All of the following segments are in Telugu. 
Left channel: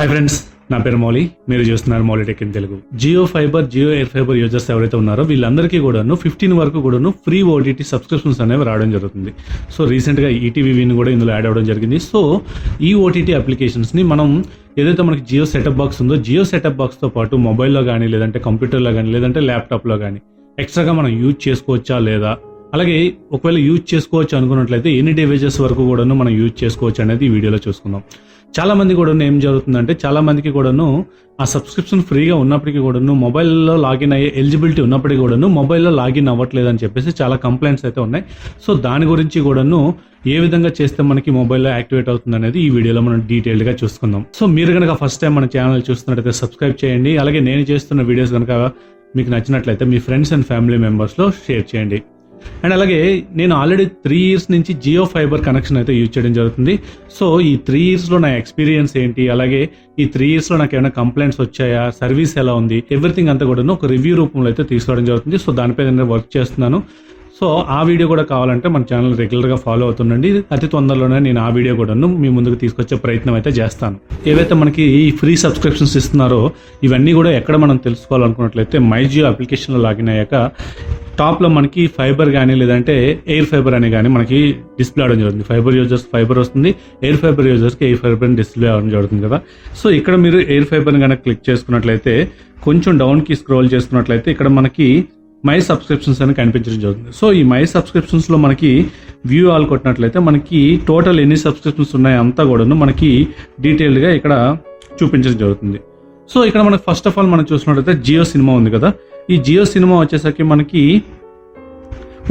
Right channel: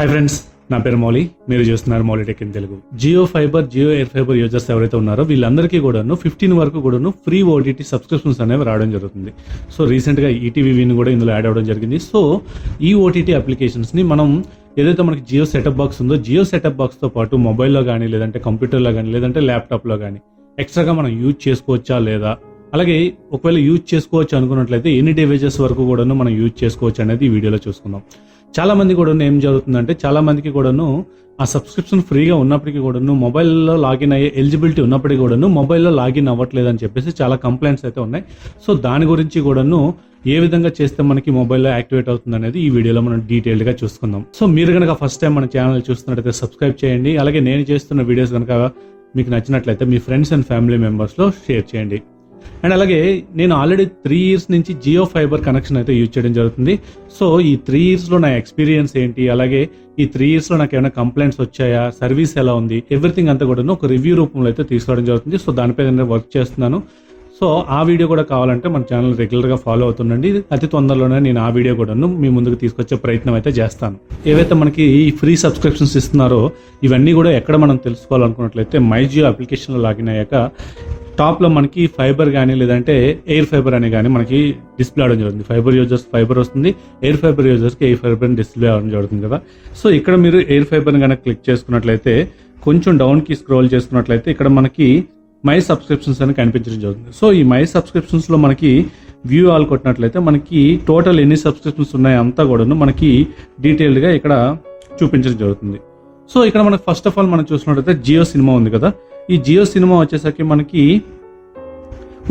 హాయ్ ఫ్రెండ్స్, నా పేరు మౌలి. మీరు చూస్తున్నారు Mouli Tech in Telugu. Jio Fiber, Jio Air Fiber users ఎవరైతే ఉన్నారో వీళ్ళందరికీ కూడాను 15 వరకు కూడాను ఫ్రీ ఓటీటీ సబ్స్క్రిప్షన్స్ అనేవి రావడం జరుగుతుంది. సో రీసెంట్గా ఈటీవీని కూడా ఇందులో యాడ్ అవ్వడం జరిగింది. సో ఈ ఓటీటీ అప్లికేషన్స్ని మనం ఏదైతే మనకి జియో సెటప్ బాక్స్ ఉందో, జియో సెటప్ బాక్స్తో పాటు మొబైల్లో కానీ, లేదంటే కంప్యూటర్లో కానీ, లేదంటే ల్యాప్టాప్లో కానీ ఎక్స్ట్రాగా మనం యూజ్ చేసుకోవచ్చా లేదా, అలాగే ఒకవేళ యూజ్ చేసుకోవచ్చు అనుకున్నట్లయితే ఎన్ని డివైజెస్ వరకు కూడాను మనం యూజ్ చేసుకోవచ్చు అనేది ఈ వీడియోలో చూసుకుందాం. చాలా మంది కూడా ఏం జరుగుతుందంటే, చాలా మందికి కూడాను ఆ సబ్స్క్రిప్షన్ ఫ్రీగా ఉన్నప్పటికీ కూడాను, మొబైల్లో లాగిన్ అయ్యే ఎలిజిబిలిటీ ఉన్నప్పటికీ కూడాను మొబైల్లో లాగిన్ అవ్వట్లేదు అని చెప్పేసి చాలా కంప్లైంట్స్ అయితే ఉన్నాయి. సో దాని గురించి కూడాను ఏ విధంగా చేస్తే మనకి మొబైల్లో యాక్టివేట్ అవుతుంది అనేది ఈ వీడియోలో మనం డీటెయిల్డ్గా చూసుకుందాం. సో మీరు కనుక ఫస్ట్ టైం మన ఛానల్ చూస్తున్నట్లయితే సబ్స్క్రైబ్ చేయండి. అలాగే నేను చేస్తున్న వీడియోస్ కనుక మీకు నచ్చినట్లయితే మీ ఫ్రెండ్స్ అండ్ ఫ్యామిలీ మెంబర్స్లో షేర్ చేయండి. అండ్ అలాగే నేను ఆల్రెడీ 3 years నుంచి జియో ఫైబర్ కనెక్షన్ అయితే యూజ్ చేయడం జరుగుతుంది. సో ఈ 3 yearsలో నా ఎక్స్పీరియన్స్ ఏంటి, అలాగే ఈ 3 yearsలో నాకు ఏమైనా కంప్లైంట్స్ వచ్చాయా, సర్వీస్ ఎలా ఉంది, ఎవ్రీథింగ్ అంతా కూడా ఒక రివ్యూ రూపంలో అయితే తీసుకోవడం జరుగుతుంది. సో దానిపై నేను వర్క్ చేస్తున్నాను. సో ఆ వీడియో కూడా కావాలంటే మన ఛానల్ రెగ్యులర్గా ఫాలో అవుతుండండి. అతి తొందరలోనే నేను ఆ వీడియో కూడా మీ ముందుకు తీసుకొచ్చే ప్రయత్నం అయితే చేస్తాను. ఏవైతే మనకి ఈ ఫ్రీ సబ్స్క్రిప్షన్స్ ఇస్తున్నారో ఇవన్నీ కూడా ఎక్కడ మనం తెలుసుకోవాలనుకున్నట్లయితే మై జియో అప్లికేషన్లో లాగిన్ అయ్యాక టాప్లో మనకి ఫైబర్ కానీ, లేదంటే ఎయిర్ ఫైబర్ అని కానీ మనకి డిస్ప్లే అవడం జరుగుతుంది. ఫైబర్ యూజర్స్ ఫైబర్ వస్తుంది, ఎయిర్ ఫైబర్ యూజర్స్కి ఎయిర్ ఫైబర్ అని డిస్ప్లే అవడం జరుగుతుంది కదా. సో ఇక్కడ మీరు ఎయిర్ ఫైబర్ని కనుక క్లిక్ చేసుకున్నట్లయితే, కొంచెం డౌన్కి స్క్రోల్ చేసుకున్నట్లయితే ఇక్కడ మనకి మై సబ్స్క్రిప్షన్స్ అని కనిపించడం జరుగుతుంది. సో ఈ మై సబ్స్క్రిప్షన్స్లో మనకి వ్యూ ఆల్ కొట్టినట్లయితే మనకి టోటల్ ఎన్ని సబ్స్క్రిప్షన్స్ ఉన్నాయో అంతా కూడాను మనకి డీటెయిల్డ్గా ఇక్కడ చూపించడం జరుగుతుంది. సో ఇక్కడ మనకి ఫస్ట్ ఆఫ్ ఆల్ మనం చూసినట్లయితే జియో సినిమా ఉంది కదా. ఈ జియో సినిమా వచ్చేసరికి మనకి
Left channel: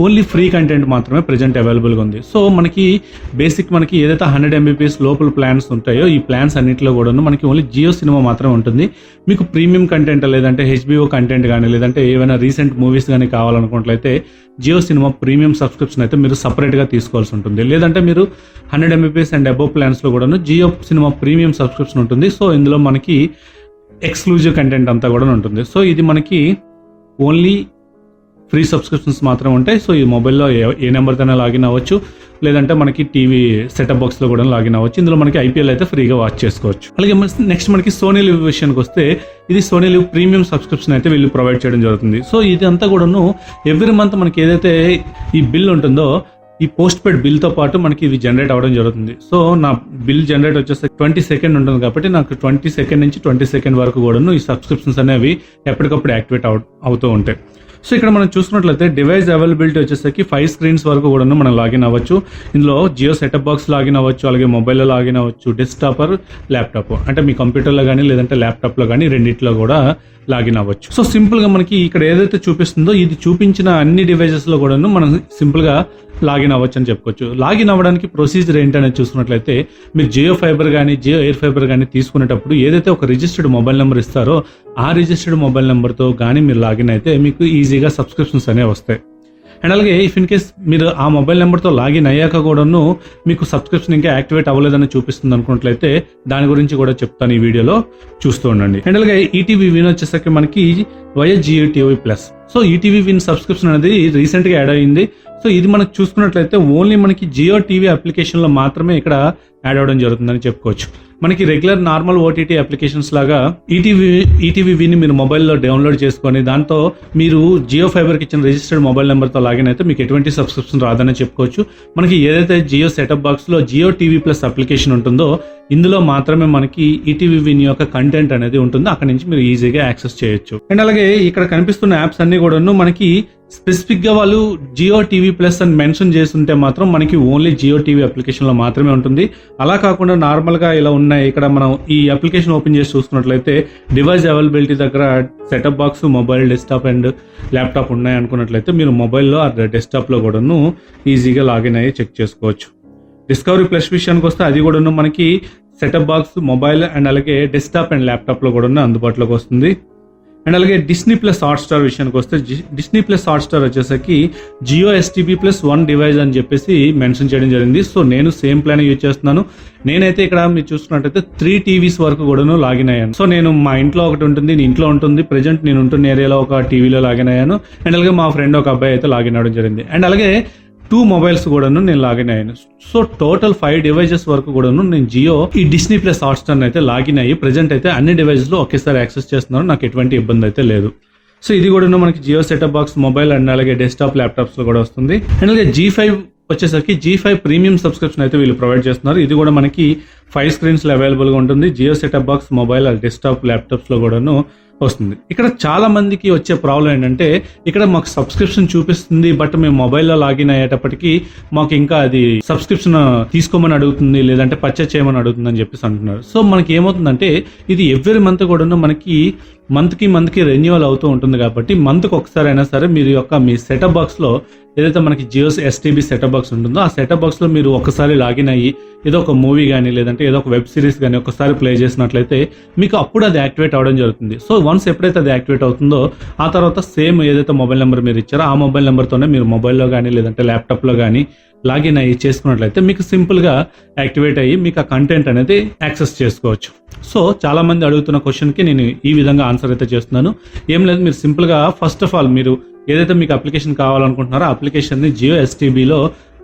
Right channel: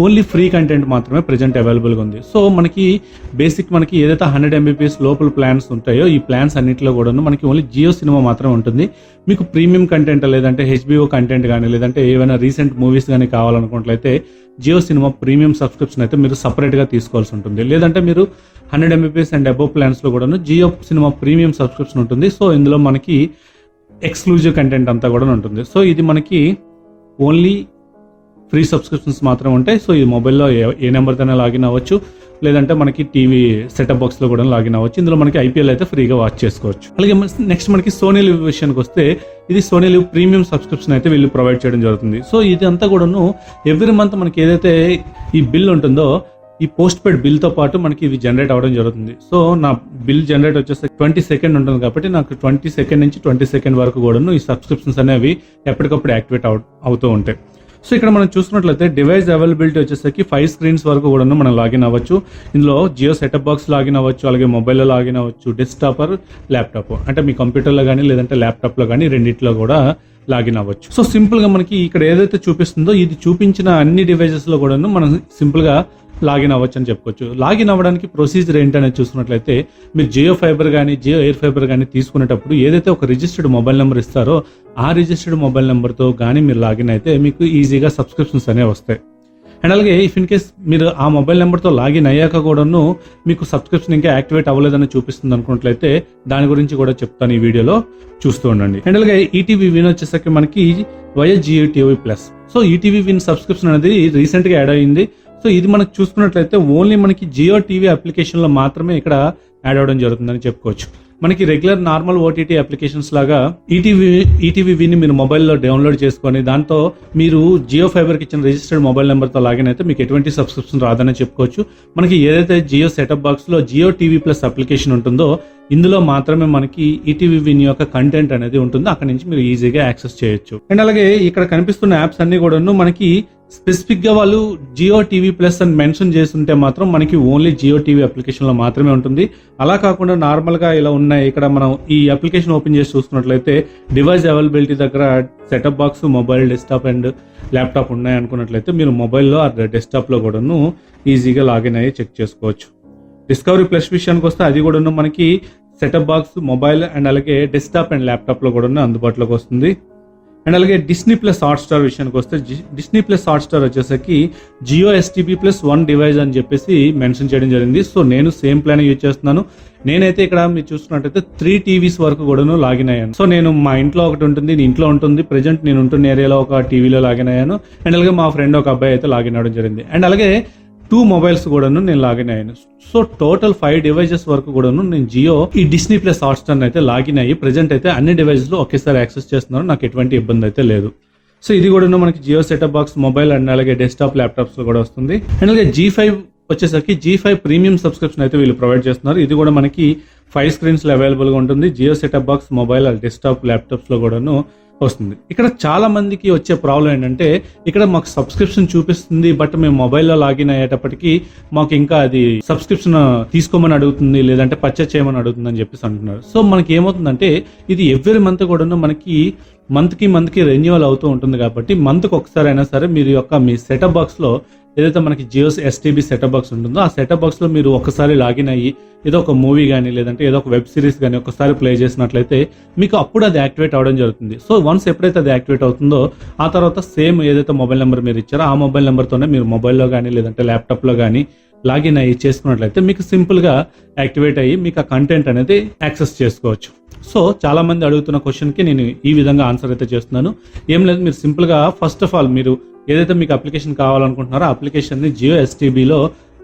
ఓన్లీ ఫ్రీ కంటెంట్ మాత్రమే ప్రెజెంట్ అవైలబుల్గా ఉంది. సో మనకి బేసిక్ మనకి ఏదైతే 100 MBPS లోపల ప్లాన్స్ ఉంటాయో ఈ ప్లాన్స్ అన్నింటిలో కూడా మనకి ఓన్లీ జియో సినిమా మాత్రమే ఉంటుంది. మీకు ప్రీమియం కంటెంట్, లేదంటే HBO కంటెంట్ కానీ, లేదంటే ఏమైనా రీసెంట్ మూవీస్ కానీ కావాలనుకున్నట్లయితే జియో సినిమా ప్రీమియం సబ్స్క్రిప్షన్ అయితే మీరు సపరేట్గా తీసుకోవాల్సి ఉంటుంది. లేదంటే మీరు 100 MBPS అండ్ అబోవ్ ప్లాన్స్లో కూడా జియో సినిమా ప్రీమియం సబ్స్క్రిప్షన్ ఉంటుంది. సో ఇందులో మనకి ఎక్స్క్లూజివ్ కంటెంట్ అంతా కూడా ఉంటుంది. సో ఇది మనకి ఓన్లీ ఫ్రీ సబ్స్క్రిప్షన్స్ మాత్రమే ఉంటాయి. సో ఈ మొబైల్లో ఏ నెంబర్తోనే లాగిన్ అవ్వచ్చు, లేదంటే మనకి టీవీ సెటప్ బాక్స్లో కూడా లాగిన్ అవ్వచ్చు. ఇందులో మనకి IPL అయితే ఫ్రీగా వాచ్ చేసుకోవచ్చు. అలాగే నెక్స్ట్ మనకి సోనీ లివ్ విషయానికి వస్తే, ఇది సోనీ లివ్ ప్రీమియం సబ్స్క్రిప్షన్ అయితే వీళ్ళు ప్రొవైడ్ చేయడం జరుగుతుంది. సో ఇది అంతా కూడాను ఎవ్రీ మంత్ మనకి ఏదైతే ఈ బిల్ ఉంటుందో ఈ పోస్ట్ పెయిడ్ బిల్తో పాటు మనకి ఇది జనరేట్ అవ్వడం జరుగుతుంది. సో నా బిల్ జనరేట్ వచ్చేసి 22nd ఉంటుంది కాబట్టి నాకు 22nd నుంచి 22nd వరకు కూడాను ఈ సబ్స్క్రిప్షన్స్ అనేవి ఎప్పటికప్పుడు యాక్టివేట్ అవుతూ ఉంటాయి. సో ఇక్కడ మనం చూసుకున్నట్లయితే డివైస్ అవైలబిలిటీ వచ్చేసరికి 5 screens వరకు కూడా మనం లాగిన్ అవ్వచ్చు. ఇందులో జియో సెటప్ బాక్స్ లాగిన్ అవ్వచ్చు, అలాగే మొబైల్లో లాగిన్ అవ్వచ్చు, డెస్క్టాప్ ఆర్ ల్యాప్టాప్ అంటే మీ కంప్యూటర్లో కానీ, లేదంటే ల్యాప్టాప్లో కానీ రెండింటిలో కూడా లాగిన్ అవ్వచ్చు. సో సింపుల్గా మనకి ఇక్కడ ఏదైతే చూపిస్తుందో ఇది చూపించిన అన్ని డివైజెస్లో కూడాను మనం సింపుల్గా లాగిన్ అవ్వచ్చు అని చెప్పుకోవచ్చు. లాగిన్ అవ్వడానికి ప్రొసీజర్ ఏంటనేది చూసుకున్నట్లయితే, మీరు జియో ఫైబర్ కానీ, జియో ఎయిర్ ఫైబర్ కానీ తీసుకునేటప్పుడు ఏదైతే ఒక రిజిస్టర్డ్ మొబైల్ నెంబర్ ఇస్తారో ఆ రిజిస్టర్డ్ మొబైల్ నెంబర్తో కానీ మీరు లాగిన్ అయితే మీకు ఈజీగా సబ్స్క్రిప్షన్స్ అనేవి వస్తాయి. అండ్ అలాగే ఇఫ్ ఇన్ కేస్ మీరు ఆ మొబైల్ నెంబర్తో లాగిన్ అయ్యాక కూడాను మీకు సబ్స్క్రిప్షన్ ఇంకా యాక్టివేట్ అవ్వలేదని చూపిస్తుంది అనుకున్నట్లయితే దాని గురించి కూడా చెప్తాను ఈ వీడియోలో, చూస్తూ ఉండండి. అండ్ అలాగే ఈటీవీ విన్ వచ్చేసరికి మనకి via Jio TV plus. So ETV Win subscription అనేది రీసెంట్గా యాడ్ అయ్యింది. సో ఇది మనకు చూసుకున్నట్లయితే ఓన్లీ మనకి జియో టీవీ అప్లికేషన్లో మాత్రమే ఇక్కడ యాడ్ అవ్వడం జరుగుతుందని చెప్పుకోవచ్చు. మనకి రెగ్యులర్ నార్మల్ ఓటీటీ అప్లికేషన్స్ లాగా ఈటీవీ విని మీరు మొబైల్లో డౌన్లోడ్ చేసుకొని దాంతో మీరు జియో ఫైబర్కి ఇచ్చిన రిజిస్టర్డ్ మొబైల్ నెంబర్తో లాగిన్ అయితే మీకు ఎటువంటి సబ్స్క్రిప్షన్ రాదని చెప్పుకోవచ్చు. మనకి ఏదైతే జియో సెటప్ బాక్స్లో జియో టీవీ ప్లస్ అప్లికేషన్ ఉంటుందో ఇందులో మాత్రమే మనకి ఈటీవీ విన్ యొక్క కంటెంట్ అనేది ఉంటుందో అక్కడి నుంచి మీరు ఈజీగా యాక్సెస్ చేయొచ్చు. అండ్ అలాగే ఇక్కడ కనిపిస్తున్న యాప్స్ అన్ని కూడాను మనకి స్పెసిఫిక్ గా వాళ్ళు జియో టీవీ ప్లస్ అని మెన్షన్ చేస్తుంటే మాత్రం మనకి ఓన్లీ జియో టీవీ అప్లికేషన్ లో మాత్రమే ఉంటుంది. అలా కాకుండా నార్మల్ గా ఇలా ఉన్నాయి. ఇక్కడ మనం ఈ అప్లికేషన్ ఓపెన్ చేసి చూసుకున్నట్లయితే డివైస్ అవైలబిలిటీ దగ్గర setup box, mobile, desktop and laptop ఉన్నాయి అనుకున్నట్లయితే మీరు మొబైల్లో ఆ డెస్క్టాప్ లో కూడాను ఈజీగా లాగిన్ అయ్యి చెక్ చేసుకోవచ్చు. డిస్కవరీ ప్లస్ విషయానికి వస్తే అది కూడాను మనకి సెటప్ బాక్స్, మొబైల్ అండ్ అలాగే డెస్క్టాప్ అండ్ ల్యాప్టాప్ లో కూడా అందుబాటులోకి వస్తుంది. అండ్ అలాగే డిస్నీ ప్లస్ హాట్స్టార్ విషయానికి వస్తే డిస్నీ ప్లస్ హాట్స్టార్ వచ్చేసరికి జియో STB ప్లస్ 1 డివైస్ అని చెప్పేసి మెన్షన్ చేయడం జరిగింది. సో నేను సేమ్ ప్లాన్ యూజ్ చేస్తున్నాను. నేనైతే ఇక్కడ మీరు చూసుకున్నట్టయితే 3 TVs వరకు కూడాను లాగిన్ అయ్యాను. సో నేను మా ఇంట్లో ఒకటి ఉంటుంది, ఇంట్లో ఉంటుంది, ప్రెజెంట్ నేను ఉంటున్న ఏరియాలో ఒక టీవీలో లాగిన్ అయ్యాను. అండ్ అలాగే మా ఫ్రెండ్ ఒక అబ్బాయి అయితే లాగిన్ అవ్వడం జరిగింది. అండ్ అలాగే 2 మొబైల్స్ కూడాను నేను లాగిన్ అయ్యాను. సో టోటల్ 5 డివైజెస్ వరకు కూడాను నేను జియో ఈ డిస్నీ ప్లస్ హాట్స్టార్ అయితే లాగిన్ అయ్యి ప్రెజెంట్ అయితే అన్ని డివైజెస్ లో ఒకేసారి యాక్సెస్ చేస్తున్నాను. నాకు ఎటువంటి ఇబ్బంది అయితే లేదు. సో ఇది కూడా మనకి Jio setup box mobile and అలాగే డెస్క్టాప్ ల్యాప్టాప్స్ లో కూడా వస్తుంది. అండ్ అలాగే G5 వచ్చేసరికి G5 ప్రీమియం సబ్స్క్రిప్షన్ అయితే వీళ్ళు ప్రొవైడ్ చేస్తున్నారు. ఇది కూడా మనకి 5 స్క్రీన్స్ లో అవైలబుల్ గా ఉంటుంది. Jio setup box mobile and desktop laptops లో కూడాను వస్తుంది. ఇక్కడ చాలా మందికి వచ్చే ప్రాబ్లం ఏంటంటే ఇక్కడ మాకు సబ్స్క్రిప్షన్ చూపిస్తుంది, బట్ మేము మొబైల్లో లాగిన్ అయ్యేటప్పటికి మాకు ఇంకా అది సబ్స్క్రిప్షన్ తీసుకోమని అడుగుతుంది, లేదంటే పర్చేస్ చేయమని అడుగుతుంది అని చెప్పేసి అంటున్నారు. సో మనకి ఏమవుతుందంటే ఇది ఎవ్రీ మంత్ కూడా మనకి మంత్ కి రెన్యువల్ అవుతూ ఉంటుంది. కాబట్టి మంత్ కి ఒకసారి అయినా సరే మీరు మీ సెటప్ బాక్స్ లో ఏదైతే మనకి జియో STB సెటప్ బాక్స్ ఉంటుందో ఆ సెటప్ బాక్స్ లో మీరు ఒకసారి లాగిన్ అయ్యి ఏదో ఒక మూవీ కానీ లేదంటే ఏదో ఒక వెబ్ సిరీస్ కానీ ఒకసారి ప్లే చేసినట్లయితే మీకు అప్పుడు అది యాక్టివేట్ అవడం జరుగుతుంది. సో వన్స్ ఎప్పుడైతే అది యాక్టివేట్ అవుతుందో ఆ తర్వాత సేమ్ ఏదైతే మొబైల్ నెంబర్ మీరు ఇచ్చారో ఆ మొబైల్ నెంబర్తోనే మీరు మొబైల్లో కానీ లేదంటే ల్యాప్టాప్ లో కానీ లాగిన్ అయ్యి చేసుకున్నట్లయితే మీకు సింపుల్ గా యాక్టివేట్ అయ్యి మీకు ఆ కంటెంట్ అనేది యాక్సెస్ చేసుకోవచ్చు. సో చాలా మంది అడుగుతున్న క్వశ్చన్ కి నేను ఈ విధంగా ఆన్సర్ అయితే చేస్తున్నాను. ఏం లేదు, మీరు సింపుల్ గా ఫస్ట్ ఆఫ్ ఆల్ మీరు ఏదైతే మీకు అప్లికేషన్ కావాలనుకుంటున్నారో ఆ అప్లికేషన్ ని జియో STBలో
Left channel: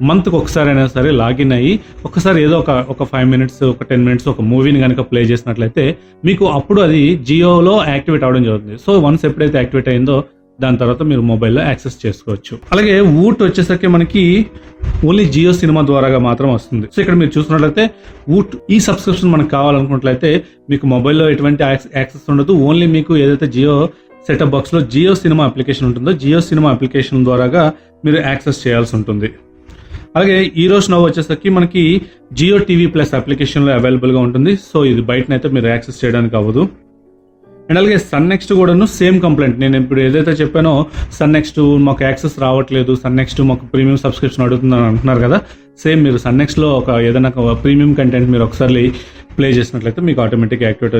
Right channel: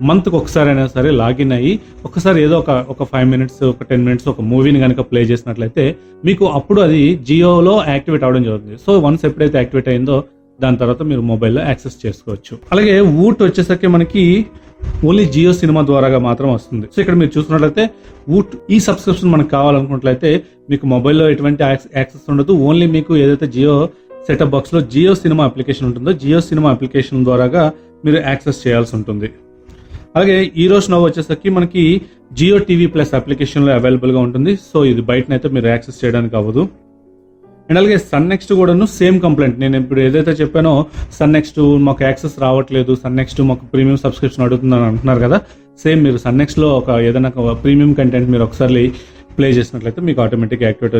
మంత్ కి ఒకసారి అయినా సరే లాగిన్ అయ్యి ఒకసారి ఏదో ఒక 5 మినిట్స్ ఒక 10 మినిట్స్ ఒక మూవీని కనుక ప్లే చేసినట్లయితే మీకు అప్పుడు అది జియోలో యాక్టివేట్ అవడం జరుగుతుంది. సో వన్స్ ఎప్పుడైతే యాక్టివేట్ అయిందో దాని తర్వాత మీరు మొబైల్లో యాక్సెస్ చేసుకోవచ్చు. అలాగే వూట్ వచ్చేసరికి మనకి ఓన్లీ జియో సినిమా ద్వారా మాత్రం వస్తుంది. సో ఇక్కడ మీరు చూసినట్లయితే వూట్ ఈ సబ్స్క్రిప్షన్ మనకు కావాలనుకున్నట్లయితే మీకు మొబైల్లో ఎటువంటి యాక్సెస్ ఉండదు. ఓన్లీ మీకు ఏదైతే జియో సెటప్ బాక్స్ లో జియో సినిమా అప్లికేషన్ ఉంటుందో జియో సినిమా అప్లికేషన్ ద్వారా మీరు యాక్సెస్ చేయాల్సి ఉంటుంది. అలాగే ఈ రోజు నవ్వు వచ్చేసరికి మనకి జియో టీవీ ప్లస్ అప్లికేషన్ లో అవైలబుల్ గా ఉంటుంది. సో ఇది బయటనైతే మీరు యాక్సెస్ చేయడానికి అవ్వదు. అండ్ అలాగే సన్ నెక్స్ట్ కూడాను సేమ్ కంప్లైంట్. నేను ఇప్పుడు ఏదైతే చెప్పానో సన్ నెక్స్ట్ మాకు యాక్సెస్ రావట్లేదు, సన్ నెక్స్ట్ మాకు ప్రీమియం సబ్స్క్రిప్షన్ అడుగుతుందని అంటున్నారు కదా, సేమ్ మీరు సన్ నెక్స్ట్ లో ఏదైనా ప్రీమియం కంటెంట్ మీరు ఒకసారి ప్లే చేసినట్లయితే మీకు ఆటోమేటిక్ యాక్టివేట్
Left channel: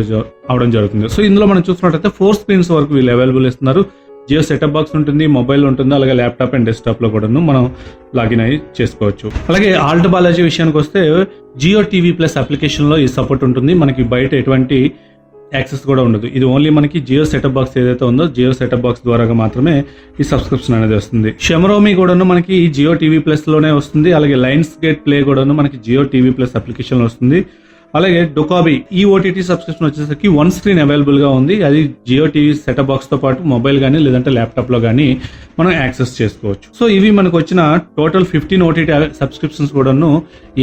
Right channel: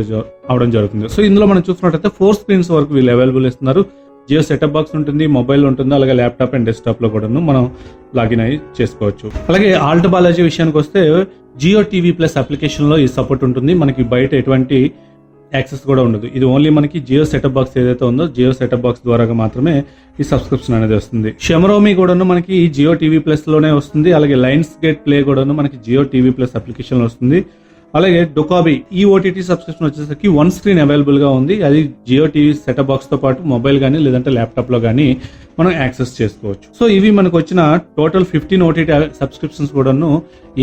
అవడం జరుగుతుంది. సో ఇందులో మనం చూసినట్లయితే 4 స్క్రీన్స్ వరకు వీళ్ళు అవైలబుల్ ఇస్తున్నారు. జియో సెటప్ బాక్స్ ఉంటుంది, మొబైల్ ఉంటుంది, అలాగే ల్యాప్టాప్ అండ్ డెస్క్టాప్ లో కూడా మనం లాగిన్ అయ్యి చేసుకోవచ్చు. అలాగే ఆల్ట్ బాలాజీ విషయానికి వస్తే జియో టీవీ ప్లస్ అప్లికేషన్ లో ఈ సపోర్ట్ ఉంటుంది. మనకి బయట ఎటువంటి యాక్సెస్ కూడా ఉండదు. ఇది ఓన్లీ మనకి జియో సెటప్ బాక్స్ ఏదైతే ఉందో జియో సెటప్ బాక్స్ ద్వారా మాత్రమే ఈ సబ్స్క్రిప్షన్ అనేది వస్తుంది. షెమరోమి కూడాను మనకి జియో టీవీ ప్లస్ లోనే వస్తుంది. అలాగే లైన్స్ గేట్ ప్లే కూడాను మనకి జియో టీవీ ప్లస్ అప్లికేషన్ లో వస్తుంది. అలాగే డొకాబీ ఈ OTT సబ్స్క్రిప్షన్ వచ్చేసరికి 1 స్క్రీన్ అవైలబుల్ గా ఉంది. అది జియో టీవీ సెటప్ బాక్స్ తో పాటు మొబైల్ గానీ లేదంటే ల్యాప్టాప్ లో గానీ మనం యాక్సెస్ చేసుకోవచ్చు. సో ఇవి మనకు వచ్చిన టోటల్ 15 OTT సబ్స్క్రిప్షన్స్ కూడాను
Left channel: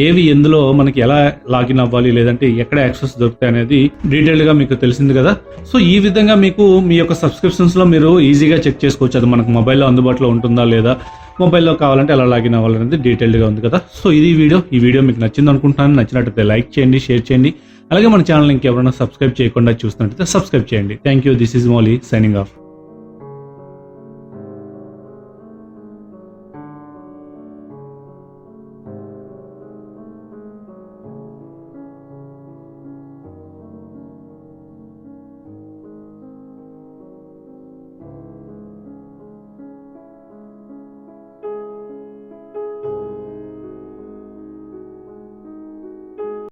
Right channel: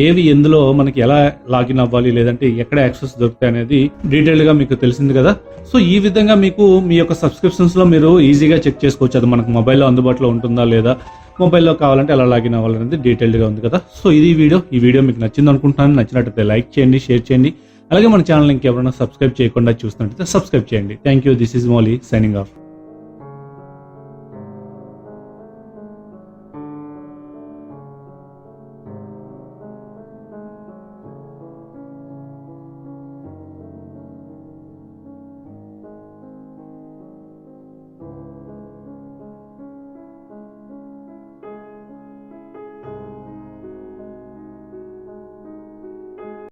ఏవి ఎందులో మనకి ఎలా లాగిన్ అవ్వాలి లేదంటే ఎక్కడ యాక్సెస్ దొరుకుతాయి అనేది డీటెయిల్ గా మీకు తెలిసింది కదా. సో ఈ విధంగా మీకు మీ యొక్క సబ్స్క్రిప్షన్స్ లో మీరు ఈజీగా చెక్ చేసుకోవచ్చు అది మనకు మొబైల్లో అందుబాటులో ఉంటుందా లేదా, మొబైల్లో కావాలంటే ఎలా లాగిన్ అవ్వాలనేది డీటెయిల్డ్ గా ఉంది కదా. సో ఇది ఈ వీడియో మీకు నచ్చింది అనుకుంటున్నాను. నచ్చినట్లయితే లైక్ చేయండి, షేర్ చేయండి. అలాగే మన ఛానల్ ఇంకెవరైనా సబ్స్క్రైబ్ చేయకుండా చూస్తున్నట్లయితే సబ్స్క్రైబ్ చేయండి. Thank you. This is Mouli signing off.